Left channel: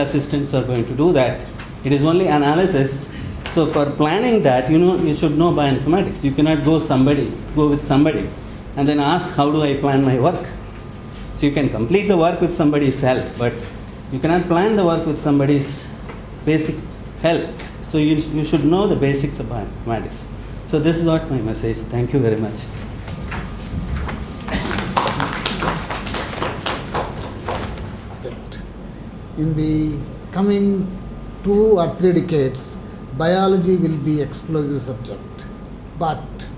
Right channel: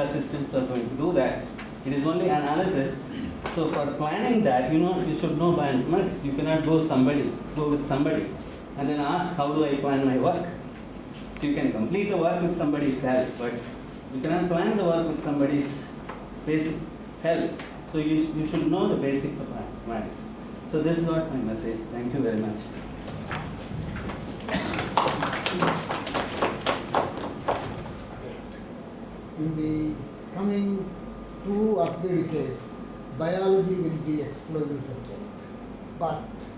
assistants are going to do that. It is only analysis. So for planning that, you should know bioinformatics. You cannot go with somebody and then ask, how do I plan my work? So you can complete the work with somebody's help, but you cannot plan the work with somebody's basic help. So you should know the basics of bioinformatics. So this is what my message. Thank you very much. In the coming 2 or 3 decades, biology will be explosive subject, but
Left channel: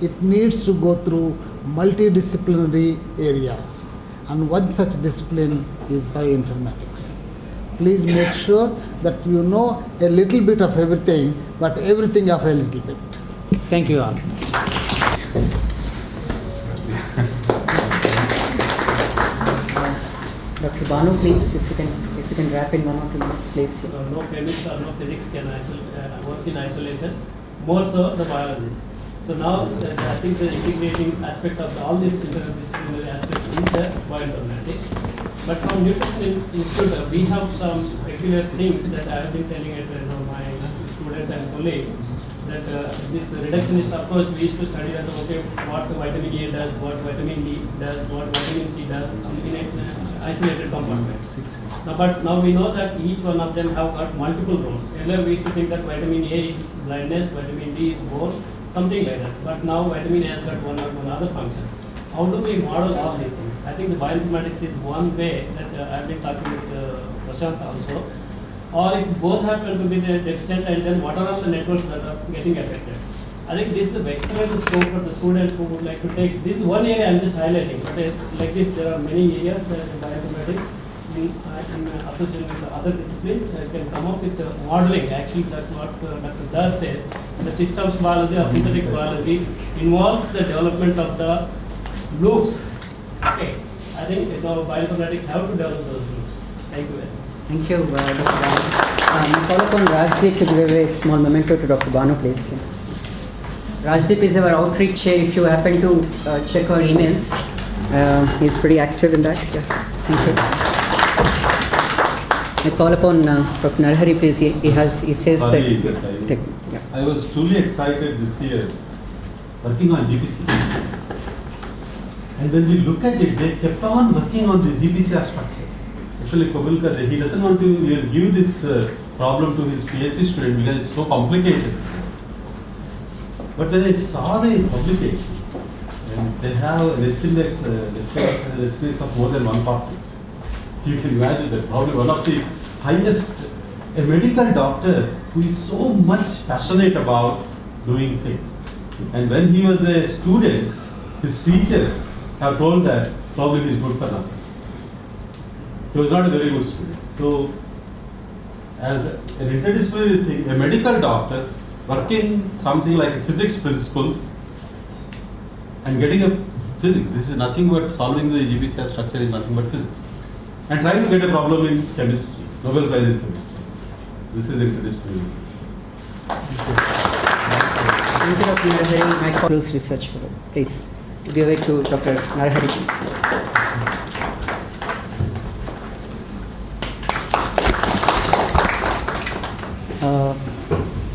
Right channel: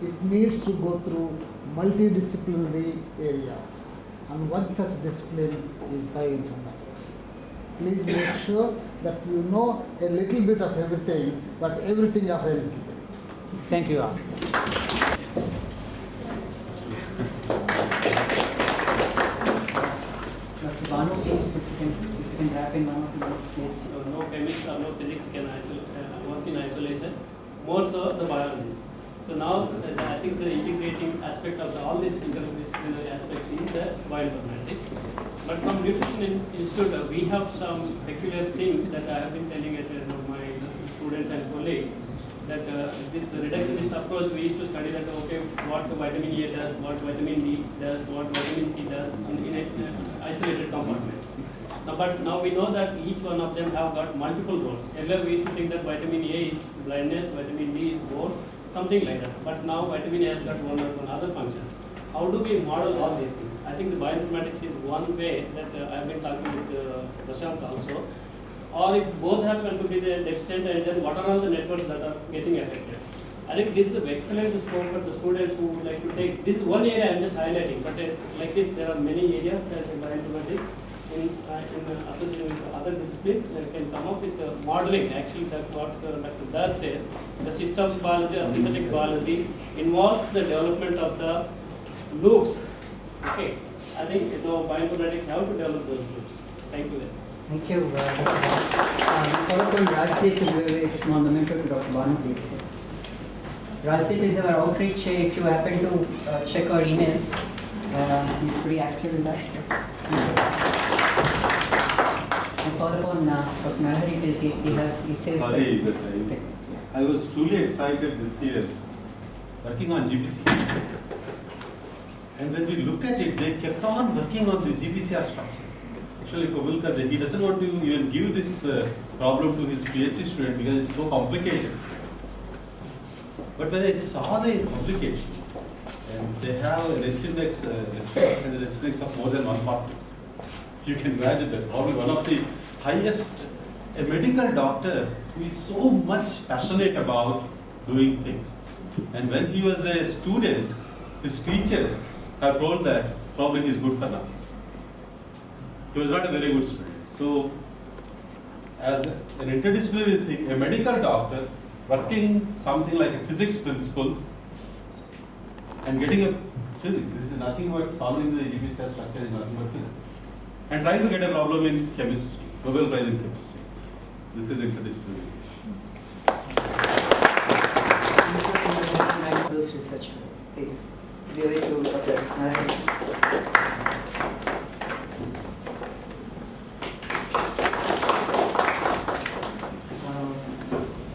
it needs to go through multidisciplinary areas, and one such discipline is bioinformatics. Please make sure that you know a little bit of everything, but everything of a little bit. Thank you all. Dr. Banu, please, if you can wrap in 1 or 2 minutes, please. No chemist or no physics can work in isolation, more so the biologists. So now I think the integrating aspect of all these interdisciplinary aspects is the bioinformatics. But from Nutrition Institute, we have some peculiar things that I have been telling my students and colleagues, that this reductionist approach, we used to study that, okay, what vitamin A does, what vitamin D does, what vitamin C does in isolated compartments. But now we know that each one of them have got multiple roles. Earlier we used to think that vitamin A is blindness, vitamin D is bone, something like that. But now vitamin A has got one or one other functions. How do we model all these things? I think the bioinformatics is one way that I've been talking with Prashant also. Or if both happen to be deficient, and then what are all the networks that are getting affected? I think this is an excellent scope for the students who would like to take. This is one area I'm just highlighting, but like this, there are many areas where the bioinformatics in association with other disciplines can come up with modeling. Actually, that's what Dr. Dar says. The systems biology or synthetic biology involves the development of the loops. Okay, I think bioinformatics have to develop those loops. Thank you very much. Thank you, Dr. Banu. I call upon Rajdeep to give a small memento to Dr. Banu, please. Rajdeep is our outreach chair. If you happen to check our emails, he's pretty active in that. Yeah. Thank you. I call upon Dr. Narahari, please. He says. Sorry that I was truly excited this year working on GPC. And when we look at it, they kept on working on the GPCR structures. Actually, Kobulkar, he doesn't want to give this problem to his PhD student because it's so complicated. But when I saw the publications, and they have an index of more than 140, you can imagine that probably one of the highest, a medical doctor who is so much passionate about doing things. And when he was a student, his teachers have told that probably he is good for nothing. He was not a very good student. So, as an interdisciplinary thing, a medical doctor working something like physics principles and getting a physics, this is nothing but solving the GPCR structure is nothing but physics. And trying to get a problem in chemistry, Nobel Prize in chemistry. This is interdisciplinary. Thank you, Dr. Narahari. My close research fellow. Please give it to Dr. Narahari, please.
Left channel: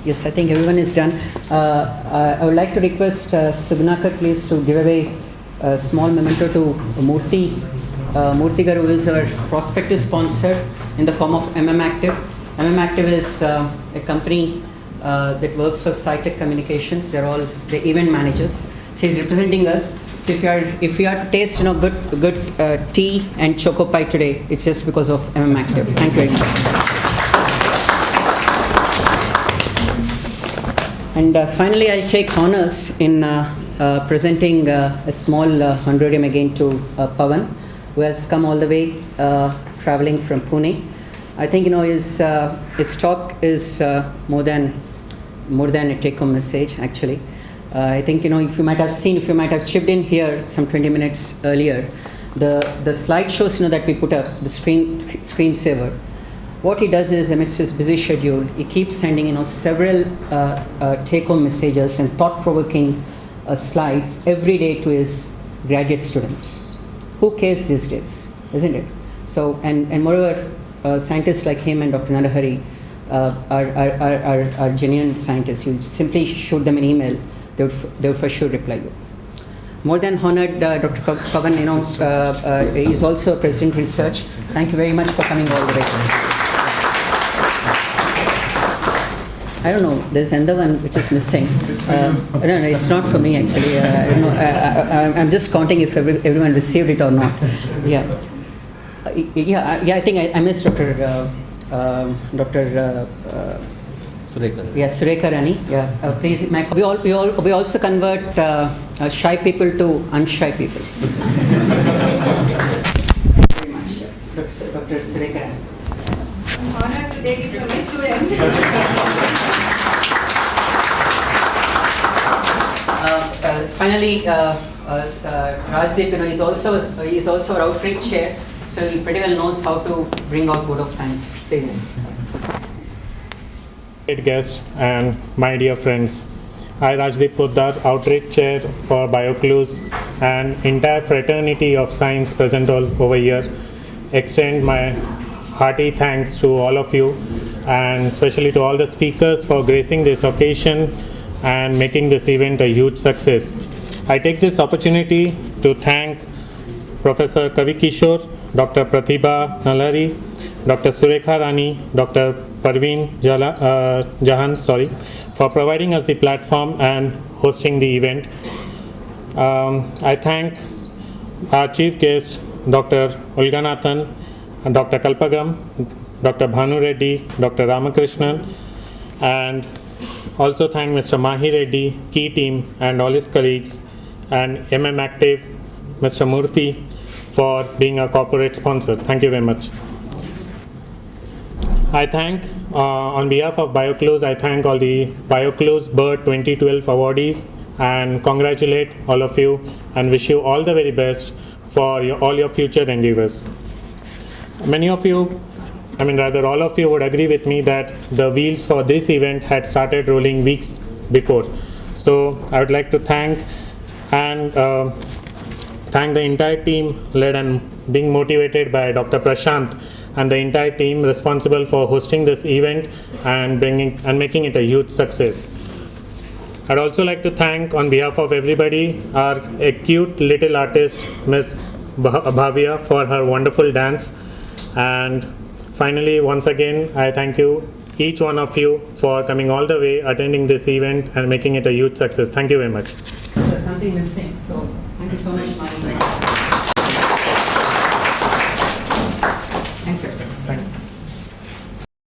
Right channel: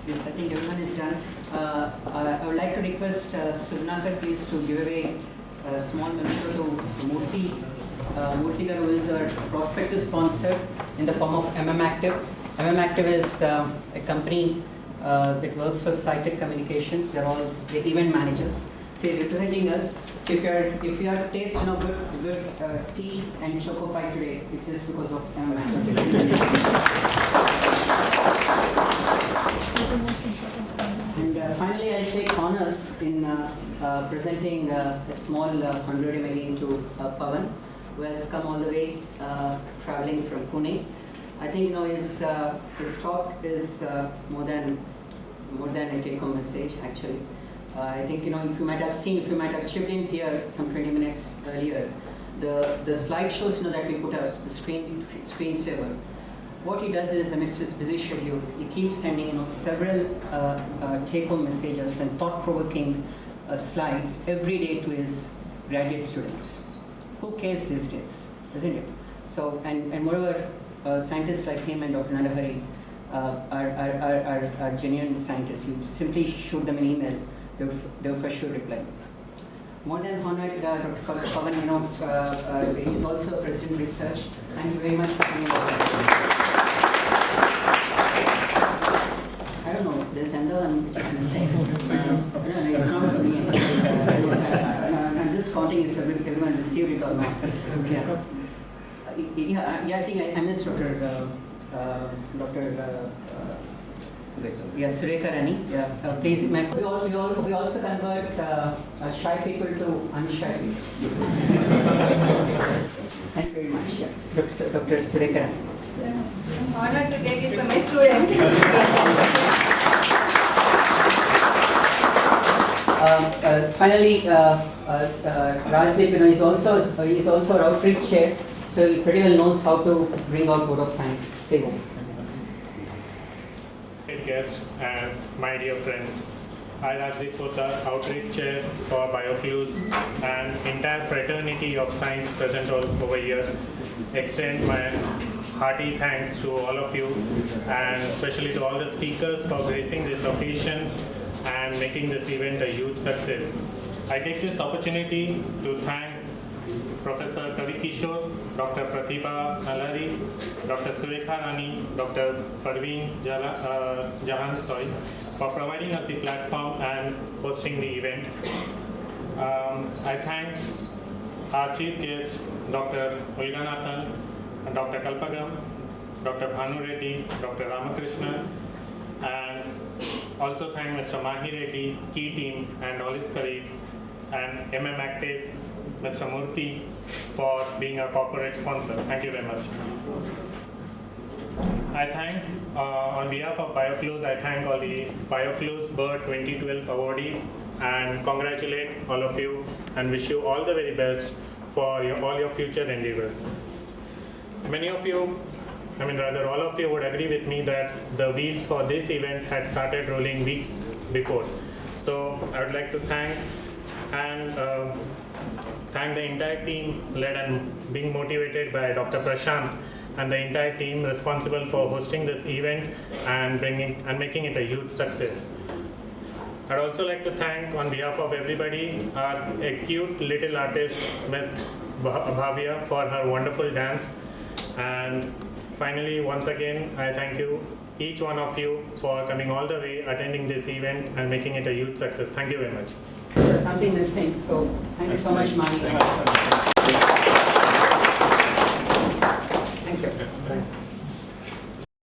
Yes, I think everyone is done. I would like to request Subnakar, please, to give away a small memento to Murthy. Murthy Garu is our prospectus sponsor in the form of MMActive. MMActive is a company that works for Cytec Communications. They're all the event managers. So he's representing us. So if you are to taste good tea and choco pie today, it's just because of MMActive. Thank you very much. And finally, I'll take honors in presenting a small honorarium again to Pawan, who has come all the way traveling from Pune. I think his talk is more than a take-home message. Actually, I think if you might have chipped in here some 20 minutes earlier, the slideshows that we put up, the screensaver. What he does is, amidst his busy schedule, he keeps sending several take-home messages and thought-provoking slides every day to his graduate students. Who cares these days, isn't it? So, and moreover, scientists like him and Dr. Narahari are genuine scientists. You simply shoot them an email, they would for sure reply you. More than honored, Dr. Pavan, is also a president of research. Thank you very much for coming all the way. I don't know, there's another one which is missing. I don't know, it's not for me actually. I don't know, I'm just counting if everyone received it or not. Yeah. I think I missed Dr. Surekha Rani. Yeah, please. We also convert shy people to unshy people. Thank you very much, Dr. Surekha Rani. I'm honored to take it from a student. Finally, Rajdeep, is also our outreach chair, so he pretty well knows how to bring out vote of thanks. Please. Great guest and my dear friends, I, Rajdeep Poddar, Outreach Chair for BioClues and entire fraternity of science present all over here, extend my hearty thanks to all of you and especially to all the speakers for gracing this occasion and making this event a huge success. I take this opportunity to thank Professor Kavi Kishore, Dr. Pratibha Nalari, Dr. Surekha Rani, Dr. Parveen Jahan, for providing us the platform and hosting the event. I thank our chief guest, Dr. Ulganathan, Dr. Kalpagam, Dr. Bhanu Reddy, Dr. Ramakrishnan, and also thank Mr. Mahi Reddy, key team, and all his colleagues, and MM Active, Mr. Murthy, for being a corporate sponsor. Thank you very much. I thank, on behalf of BioClues, I thank all the BioClues BIRD 2012 awardees and congratulate all of you and wish you all the very best for all your future endeavors. Many of you, all of you would agree with me that the wheels for this event had started rolling weeks before. So I would like to thank the entire team led and being motivated by Dr. Prashant and the entire team responsible for hosting this event and making it a huge success. I'd also like to thank, on behalf of everybody, our cute little artist, Ms. Bhavya, for her wonderful dance. And finally, once again, I thank you, each one of you, for coming all the way, attending this event and making it a huge success. Thank you very much. There's something missing, so thank you so much, Mani.